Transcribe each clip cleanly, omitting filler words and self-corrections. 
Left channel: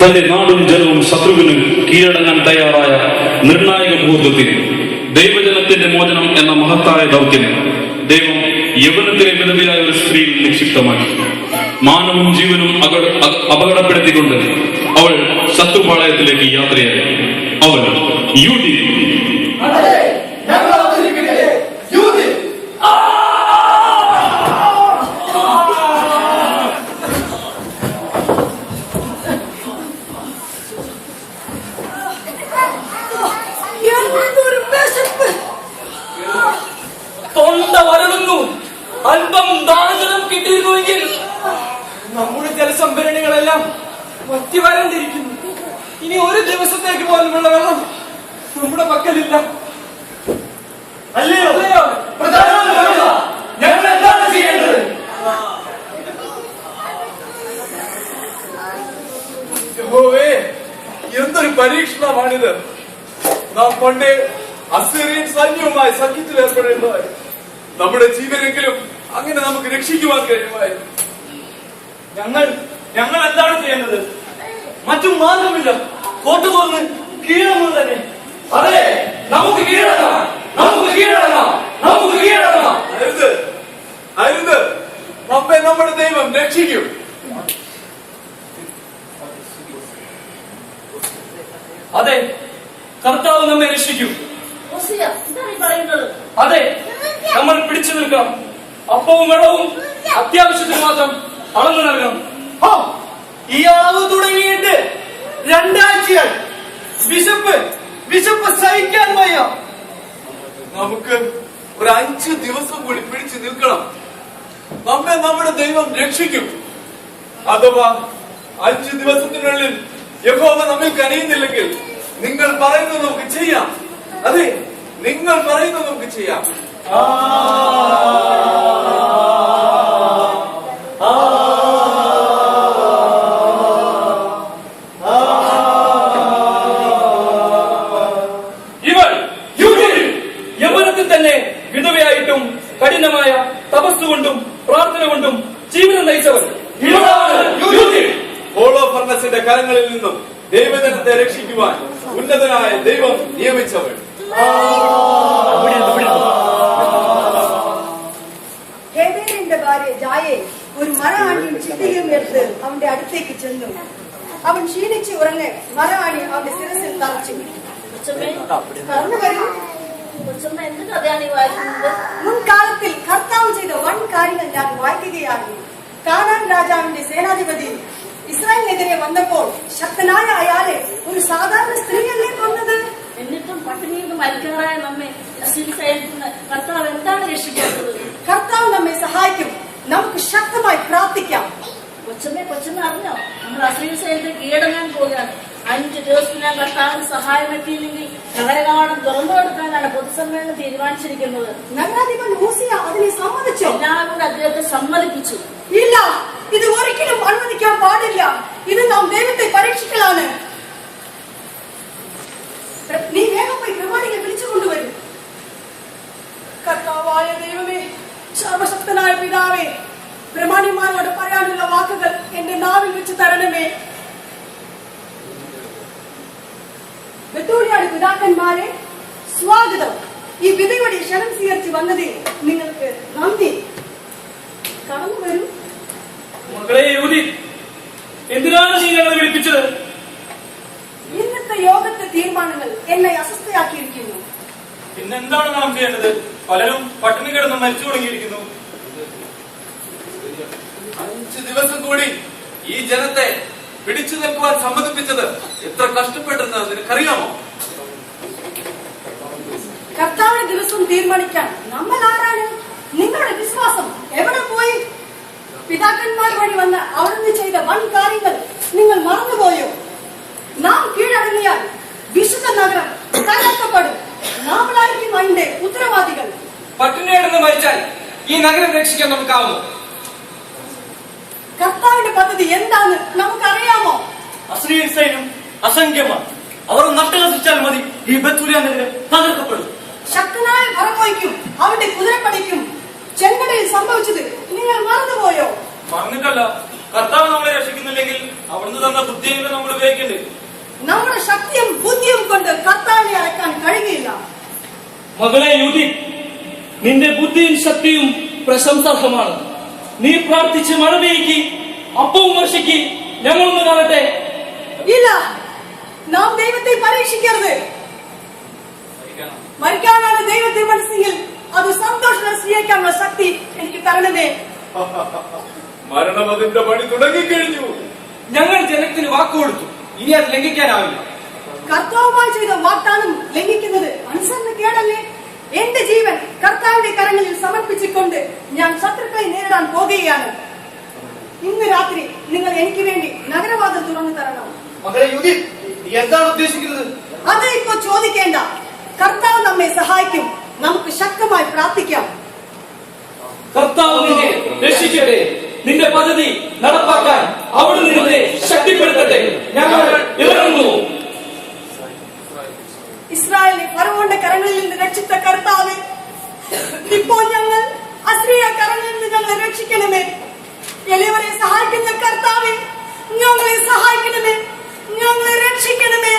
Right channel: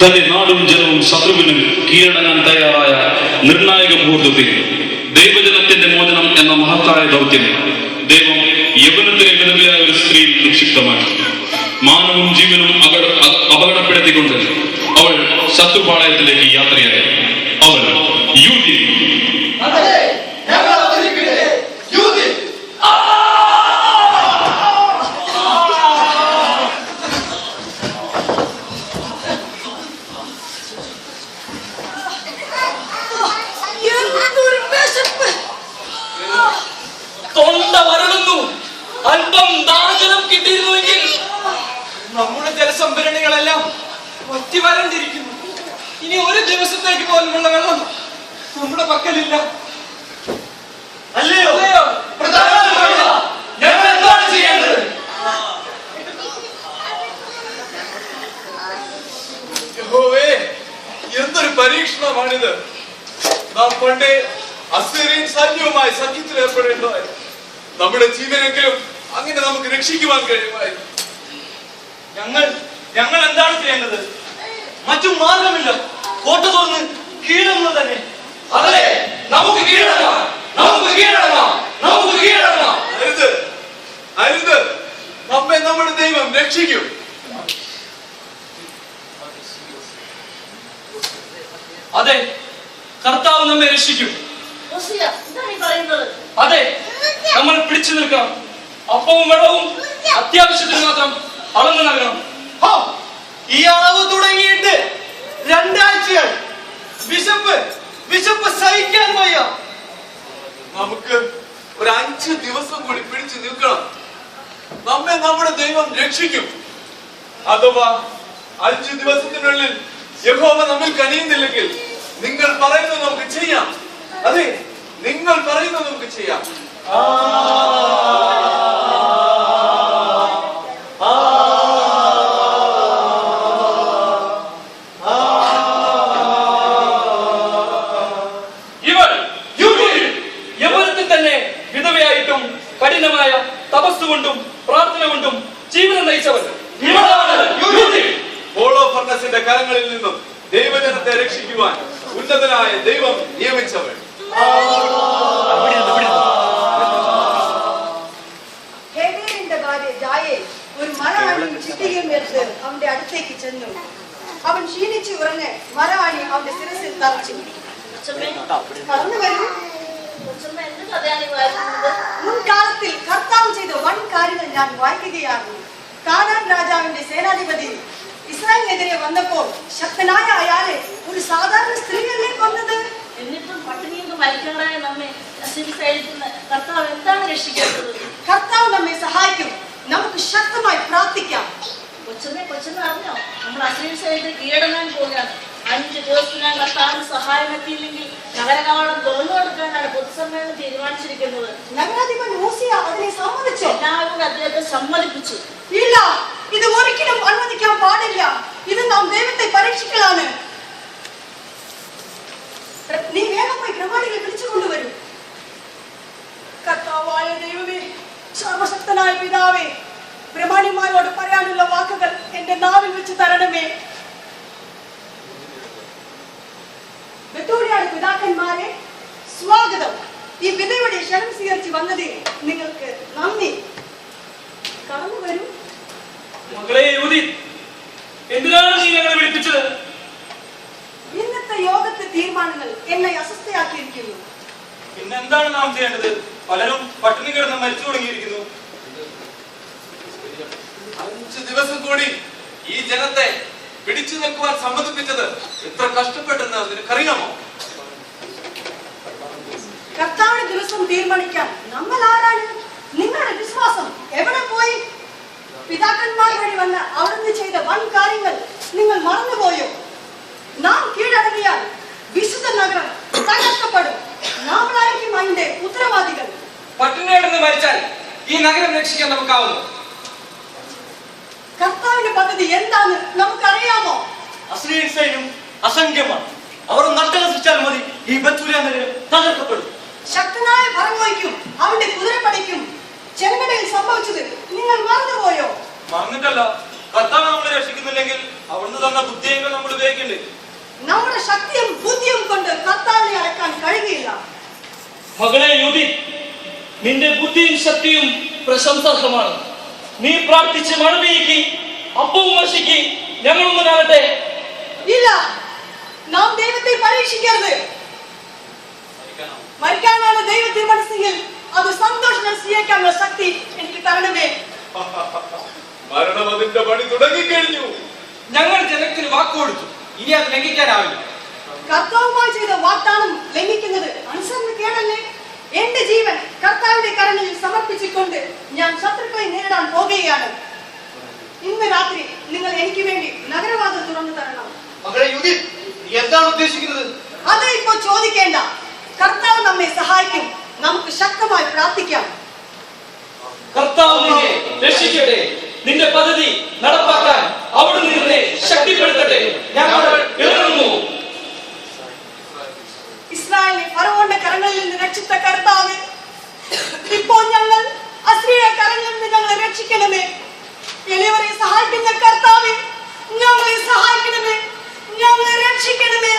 തന്റെ നാടും ജനവും ശത്രുവിനും കീഴടങ്ങാൻ തയ്യാറായ നിർണായക മുഹൂർത്തത്തിൽ ദൈവജനത്തിന്റെ മോചനം എന്ന മഹത്തായ ദൗത്യം ദൈവം യവനത്തിലെ വിധവയായ ഒരു സ്ത്രീയിൽ നിക്ഷിപ്തമാക്കി. മാനവും ജീവനും അപകടപ്പെടുത്തിക്കൊണ്ട് അവൾ ശത്രുപാളയത്തിലേക്ക് യാത്രയായി. അവൾ യൂതി. നമ്മുടെ ജലസംഭരണികളെല്ലാം വറ്റിവരണ്ടിരിക്കുന്നു. ഇനി ഒരു ദിവസത്തേക്ക് പോലുള്ള വെള്ളം നമ്മുടെ പക്കലില്ല. അല്ലയോ ഞങ്ങൾ എന്താണ് ചെയ്യേണ്ടത്? എന്തൊരു പരീക്ഷണമാണിത്. നാം പണ്ടേ അസീറിയൻ സൈന്യവുമായി സഖ്യത്തിൽ ഏർപ്പെടേണ്ടതായി. നമ്മുടെ ജീവനെങ്കിലും അങ്ങനെ നമുക്ക് രക്ഷിക്കുവാൻ കഴിയുമായിരുന്നു. ഞങ്ങൾ എന്താണ് ചെയ്യേണ്ടത്? മറ്റു മാർഗമില്ല. കോട്ട തുറന്ന് കീഴടങ്ങുക തന്നെ. അതെ, നമുക്ക് കീഴടങ്ങാം, നമുക്ക് കീഴടങ്ങാം, നമുക്ക് കീഴടങ്ങാം. അരുത്, നമ്മെ നമ്മുടെ ദൈവം രക്ഷിക്കും. അതെ, കർത്താവ് നമ്മെ രക്ഷിക്കും. അതെ, നമ്മൾ പിടിച്ചു നിൽക്കാം. അപ്പവും വെള്ളവും അത്യാവശ്യത്തിന് മാത്രം അളന്നു നൽകണം. ഈ അളവ് തുടങ്ങിയിട്ട് 2 ആഴ്ചയായി. വിശപ്പ് സഹിക്കാൻ വയ്യ. നമുക്ക് ഒരു 5 ദിവസം കൂടി പിടിച്ചു നിൽക്കണം. നമ്മെ നമ്മുടെ ദൈവം രക്ഷിക്കും. അഥവാ 5 ദിവസത്തിനുള്ളിൽ യഹോവ നമ്മെ കനിയുന്നില്ലെങ്കിൽ നിങ്ങൾ പറയുന്നത് നമുക്ക് ചെയ്യാം. അതെ, നിങ്ങൾ പറയുന്നത് നമുക്ക് ചെയ്യാം. കഠിനമായ തപസ്സുകൊണ്ടും പ്രാർത്ഥന കൊണ്ടും ജീവിതം നയിച്ചവർ ഹോളോഫർണസിന്റെ കരങ്ങളിൽ നിന്നും ദൈവജനത്തെ രക്ഷിക്കുവാൻ ഉന്നതനായ ദൈവം നിയമിച്ചവർ. ഒരു മരമാണി ചിട്ടിയും എടുത്ത് അവന്റെ അടുത്തേക്ക് ചെന്നു. അവൻ ക്ഷീണിച്ച് ഉറങ്ങെ മരമാണി അവന്റെ ശിരസിൽ തറച്ചു. മുൻകാലത്തിൽ കർത്താവ് ചെയ്ത വൻ കാര്യങ്ങൾ ഞാൻ വായിക്കുകയാണ്. കാനാൻ രാജാവിന്റെ സേനാധിപതി ഇസ്രായേലിനെതിരെ വന്നപ്പോൾ ശക്തനായ അയാളെ ഒരു സാധാരണ സ്ത്രീയല്ലേ കൊന്നത്. എന്നിട്ടും പട്ടിണിയിൽ മരിക്കാറായ നമ്മെ കർത്താവ് എന്താണ് രക്ഷിക്കുന്നത്? കർത്താവ് നമ്മെ സഹായിക്കും. നമുക്ക് ശക്തമായി പ്രാർത്ഥിക്കാം. കൊച്ചമ്മ അറിഞ്ഞോ, നമ്മൾ അസീർ സൈന്യത്തെ കീഴടങ്ങാൻ പോവുകയാണ്. 5 ദിവസത്തിനകം കർത്താവ് സഹായം എത്തിയില്ലെങ്കിൽ നഗരകവാടം തുറന്നു കൊടുക്കാനാണ് പൊതുസമ്മേളനം തീരുമാനിച്ചിരിക്കുന്നത്. നഗരാധിപൻ മൂസിയ അതിനെ സമ്മതിച്ചു. എല്ലാവരും അദ്ദേഹത്തെ സമ്മതിപ്പിച്ചു. ഇല്ല, ഇത് ഒരിക്കലും അനുവദിക്കാൻ പാടില്ല. ഇത് നാം ദൈവത്തെ പരീക്ഷിക്കലാണ്. നീ വേഗം പോയി പ്രമാണികളെ വിളിച്ചു കൊണ്ടുവരും. കർത്താവായ ദൈവമേ, സർവശക്തനായ പിതാവേ, പ്രമാണിമാരോട് പറയാനുള്ള വാക്കുകൾ എന്റെ നാവിൽ വെച്ച് തരണമേ. ബത്തോലിയാട് പിതാക്കന്മാരെ സ്വാഗതം. ഈ വിധയുടെ ക്ഷണം സ്വീകരിച്ച് വന്നതിൽ നിങ്ങൾക്ക് നന്ദി. കടന്നു വരും. എന്തിനാണ് നീ ഞങ്ങളെ വിളിപ്പിച്ചത്? ഇന്നത്തെ യോഗത്തെ തീരുമാനങ്ങൾ എന്നെ അസ്വസ്ഥയാക്കിയിരിക്കുന്നു. പിന്നെന്താണ് നാം ചെയ്യേണ്ടത്? പലരും പട്ടിണി കിടന്ന് മരിച്ചു തുടങ്ങിയിരിക്കുന്നു. 5 ദിവസം കൂടി ഈ ജനത്തെ പിടിച്ചു നിൽക്കുവാൻ സമ്മതിപ്പിച്ചത് എത്ര കഷ്ടപ്പെട്ടെന്ന് നിനക്കറിയാമോ? കർത്താവിന്റെ ദിവസം തീരുമാനിക്കാൻ നമ്മൾ ആരാണ്? നിങ്ങളുടെ വിശ്വാസം എവിടെ പോയി? പിതാക്കന്മാർ വഴി വന്ന് അവിടുന്ന് ചെയ്ത വൻ കാര്യങ്ങൾ നിങ്ങൾ മറന്നുപോയോ? നാം നഗരം രക്ഷിക്കാൻ നമുക്കാവുന്നു. കർത്താവിന്റെ പദ്ധതി എന്താന്ന് നമുക്കറിയാമോ? അസ്രീയൻ സൈന്യം അസംഖ്യമാണ്. അവർ നഷ്ടനശിച്ചാൽ മതി, ഈ ബത്തൂലിയ നഗരം തകർക്കപ്പെടും. ശക്തനായ ഫറവോയ്ക്കും അവന്റെ കുതിരപ്പടിക്കും ചെങ്കടലിൽ സംഭവിച്ചത് നിങ്ങൾ മറന്നുപോയോ? മറന്നിട്ടല്ല, കർത്താവ് നമ്മളെ രക്ഷിക്കുന്നില്ലെങ്കിൽ അവിടുന്ന് തന്ന ബുദ്ധിയെങ്കിലും നമ്മൾ ഉപയോഗിക്കണ്ടേ? നമ്മുടെ ശക്തിയും ബുദ്ധിയും കൊണ്ട് കർത്താവിനെ അളക്കാൻ കഴിയില്ല. മകളെ യൂതി, നിന്റെ ബുദ്ധിയും ശക്തിയും പ്രശംസാർഹമാണ്. നീ പ്രാർത്ഥിച്ച് മഴ പെയ്യ്ക്ക്, അപ്പവും വർഷിക്ക്, ഞങ്ങളൊന്ന് കാണട്ടെ. ഇല്ല, നാം ദൈവത്തെ പരീക്ഷിക്കരുത്. മരിക്കാനാണ് ദൈവത്തെ മനസ്സിൽ അത് സന്തോഷം സ്വീകരിക്കാനുള്ള ശക്തി എനിക്ക് തരണമേ. മരണം അതിന്റെ പണി തുടങ്ങിക്കഴിഞ്ഞു. ഞങ്ങൾ ജനത്തിന് വാക്കുകൊടുത്തു, ഇനി അത് ലംഘിക്കാനാവില്ല. കർത്താവുമായി ചെയ്ത വാഗ്ദാനം ലംഘിക്കുന്നത് അനുസരണക്കേടല്ലേ? എന്റെ ജീവൻ കർത്താവിന്റെ കരങ്ങളിൽ സമർപ്പിച്ചുകൊണ്ട് ഞാൻ ശത്രുക്കളെ നേരിടാൻ പോകുകയാണ്. ഇന്ന് രാത്രി നിങ്ങൾ എനിക്ക് വേണ്ടി നഗരവാതിൽ തുറന്നു തരണം. മകളെ യൂതി, നീ എന്താണ് ഉദ്ദേശിക്കുന്നത്? അത് ഇപ്പോ ചോദിക്കേണ്ട. കർത്താവ് നമ്മെ സഹായിക്കും. നമുക്ക് ശക്തമായി പ്രാർത്ഥിക്കാം. കർത്താവ് നിന്നെ രക്ഷിക്കട്ടെ. നിന്റെ പദ്ധതി നടപ്പാക്കാൻ അവിടുന്ന് നിന്നെ ശക്തിപ്പെടുത്തട്ടെ. ഞങ്ങൾ ഇറങ്ങുന്നു. ഇസ്രായേലിനെ ഫറവോന്റെ കരങ്ങളിൽ നിന്ന് രക്ഷിച്ച കർത്താവ്, ഇപ്പോൾ ഞങ്ങൾ അസ്രീയുടെ കരങ്ങളിൽ നിന്ന് ഞങ്ങളെ രക്ഷിക്കണമേ. എളിയവരെ സഹായിക്കുന്ന കർത്താവെ, ഞങ്ങളെ സഹായിക്കണമേ, ഞങ്ങളെ രക്ഷിക്കണമേ.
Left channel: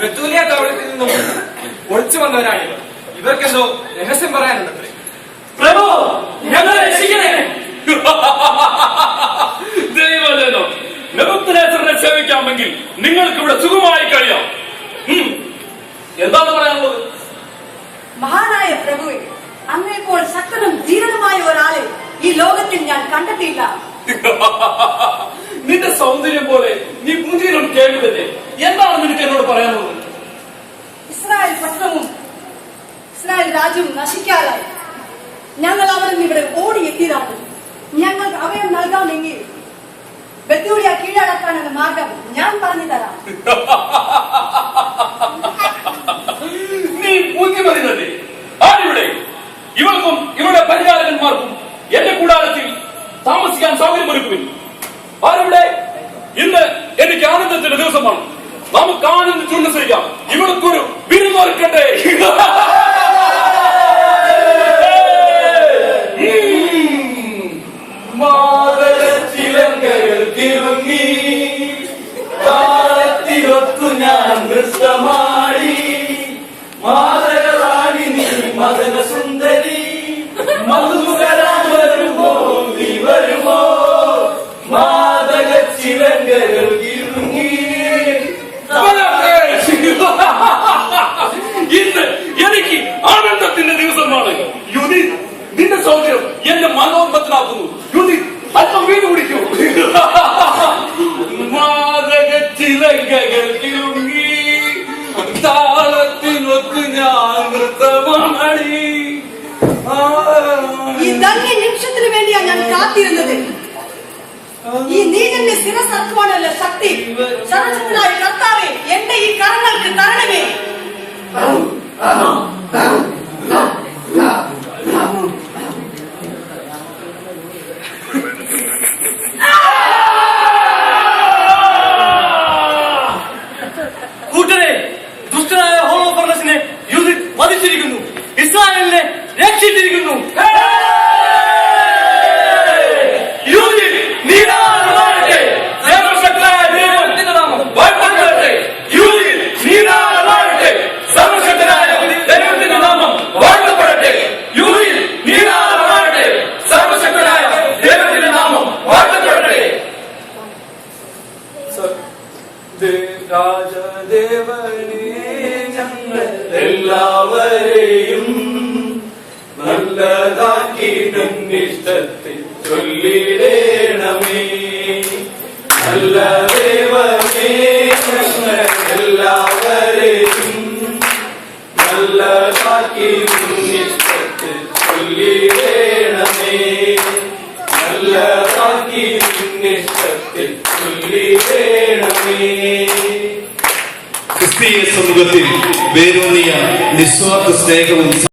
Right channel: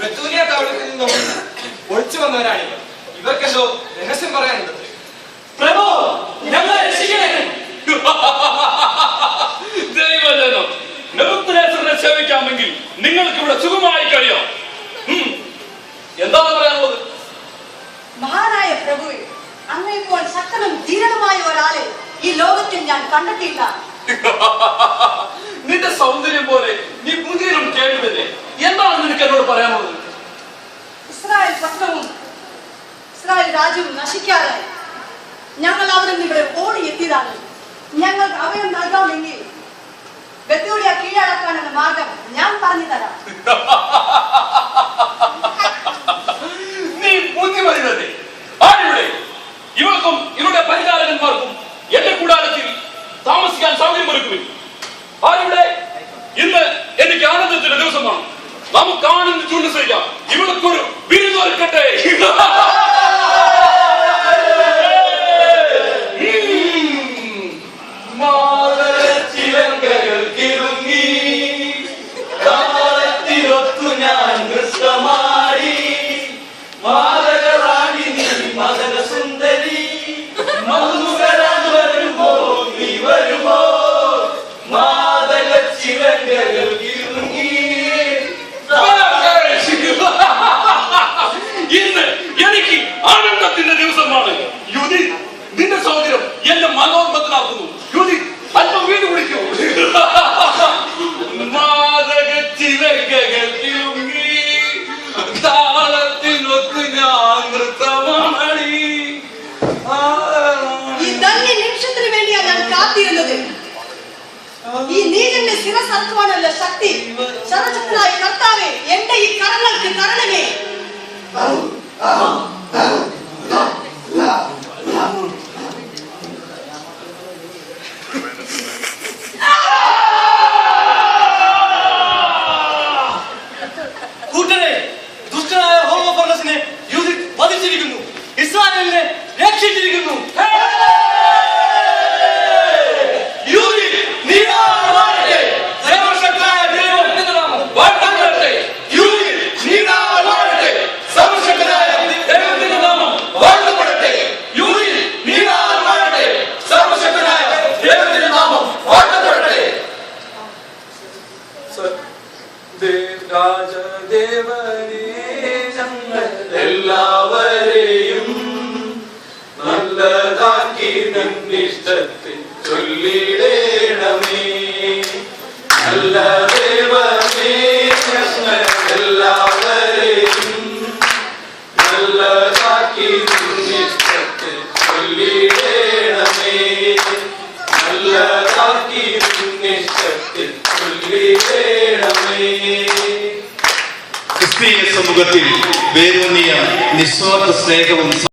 ബത്തൂലിയ ടൗണിൽ നിന്നും ഒളിച്ചു വന്നവരാണല്ലോ. ഇവർക്കെന്തോ രഹസ്യം പറയാനുണ്ട്. പ്രഭു, ഞങ്ങളെ രക്ഷിക്കണേ. ദൈവജനം, നെബൂഖദ്നേസറിനെ സേവിക്കാമെങ്കിൽ നിങ്ങൾക്ക് ഇവിടെ സുഖമായി കഴിയാം. എന്താണ് പറയാനുള്ളത്? മഹാനായ പ്രഭുവേ, അങ്ങേപ്പോൾ ശക്തനും ധീരനുമായ ഒരാളെ ഈ ലോകത്തിൽ ഞാൻ കണ്ടെത്തിയില്ല. നിന്റെ സൗന്ദര്യം പോലെ നീ പുതിയനും കേൾവിതന്നെ. എന്താണ് നിനക്ക് എന്നോട് പറയാനുള്ളത്? ഇസ്രായേൽ പട്ടണവും ഇസ്രായേൽ രാജ്യവും നശിക്കാറായി. ഞങ്ങൾ അവിടെ നിന്ന് ഇവിടെ ഓടി എത്തിയതാണ്. ഞങ്ങൾക്ക് അഭയം നൽകാമെങ്കിൽ ബത്തൂലിയ കീഴടക്കാനുള്ള മാർഗം ഞാൻ പറഞ്ഞു തരാം. നീ ബുദ്ധിമതില്ലേ? ആരിവിടെ? ഇവർക്കും ഇവരുടെ പരിചാരകന്മാർക്കും എന്റെ കൂടാരത്തിൽ താമസിക്കാൻ സൗകര്യമൊരുക്കും. ആരിവിടെ? ഇന്ന് എനിക്ക് ആനന്ദത്തിന്റെ ദിവസമാണ്. നമുക്ക് ആനന്ദിച്ച് ഉല്ലസിക്കാം. ഇവർക്കൊരു വിരുന്നൊരുക്കട്ടെ. ഇന്ന് എനിക്ക് ആനന്ദത്തിന്റെ ദിവസമാണ്. യുതി, നിന്റെ സൗകര്യം എന്റെ മനോബദ്ധനാക്കുന്നു. യുതി, അല്പം വീട് കുടിക്കൂ. താളത്തിനൊത്ത് ഞാൻ നൃത്തമാടി. ഈ ധന്യ നിമിഷത്തിന് വേണ്ടിയാണ് ഞാൻ കാത്തിരുന്നത്. ഈ നീലന്റെ ശിരസർക്കുവാനുള്ള ശക്തി സർവശക്തനായ കർത്താവേ എന്റെ ഈ കരങ്ങൾക്ക് തരണമേ. രാജദേവനെ ഞങ്ങൾ എല്ലാവരെയും നല്ലതാക്കി നിന്നിഷ്ടത്തിൽ ചൊല്ലിടേണമേ. നല്ല ദേവനെ ഞങ്ങൾ എല്ലാവരെയും നല്ലതാക്കി നിന്നിഷ്ടത്തിൽ ചൊല്ലിടേണമേ. നല്ലതാക്കി നിന്നിഷ്ടത്തിൽ ചൊല്ലിടേണമേ. ക്രിസ്തീയ സമൂഹത്തിൽ വേരൂന്നിയ നിസ്വാർത്ഥ സ്നേഹവും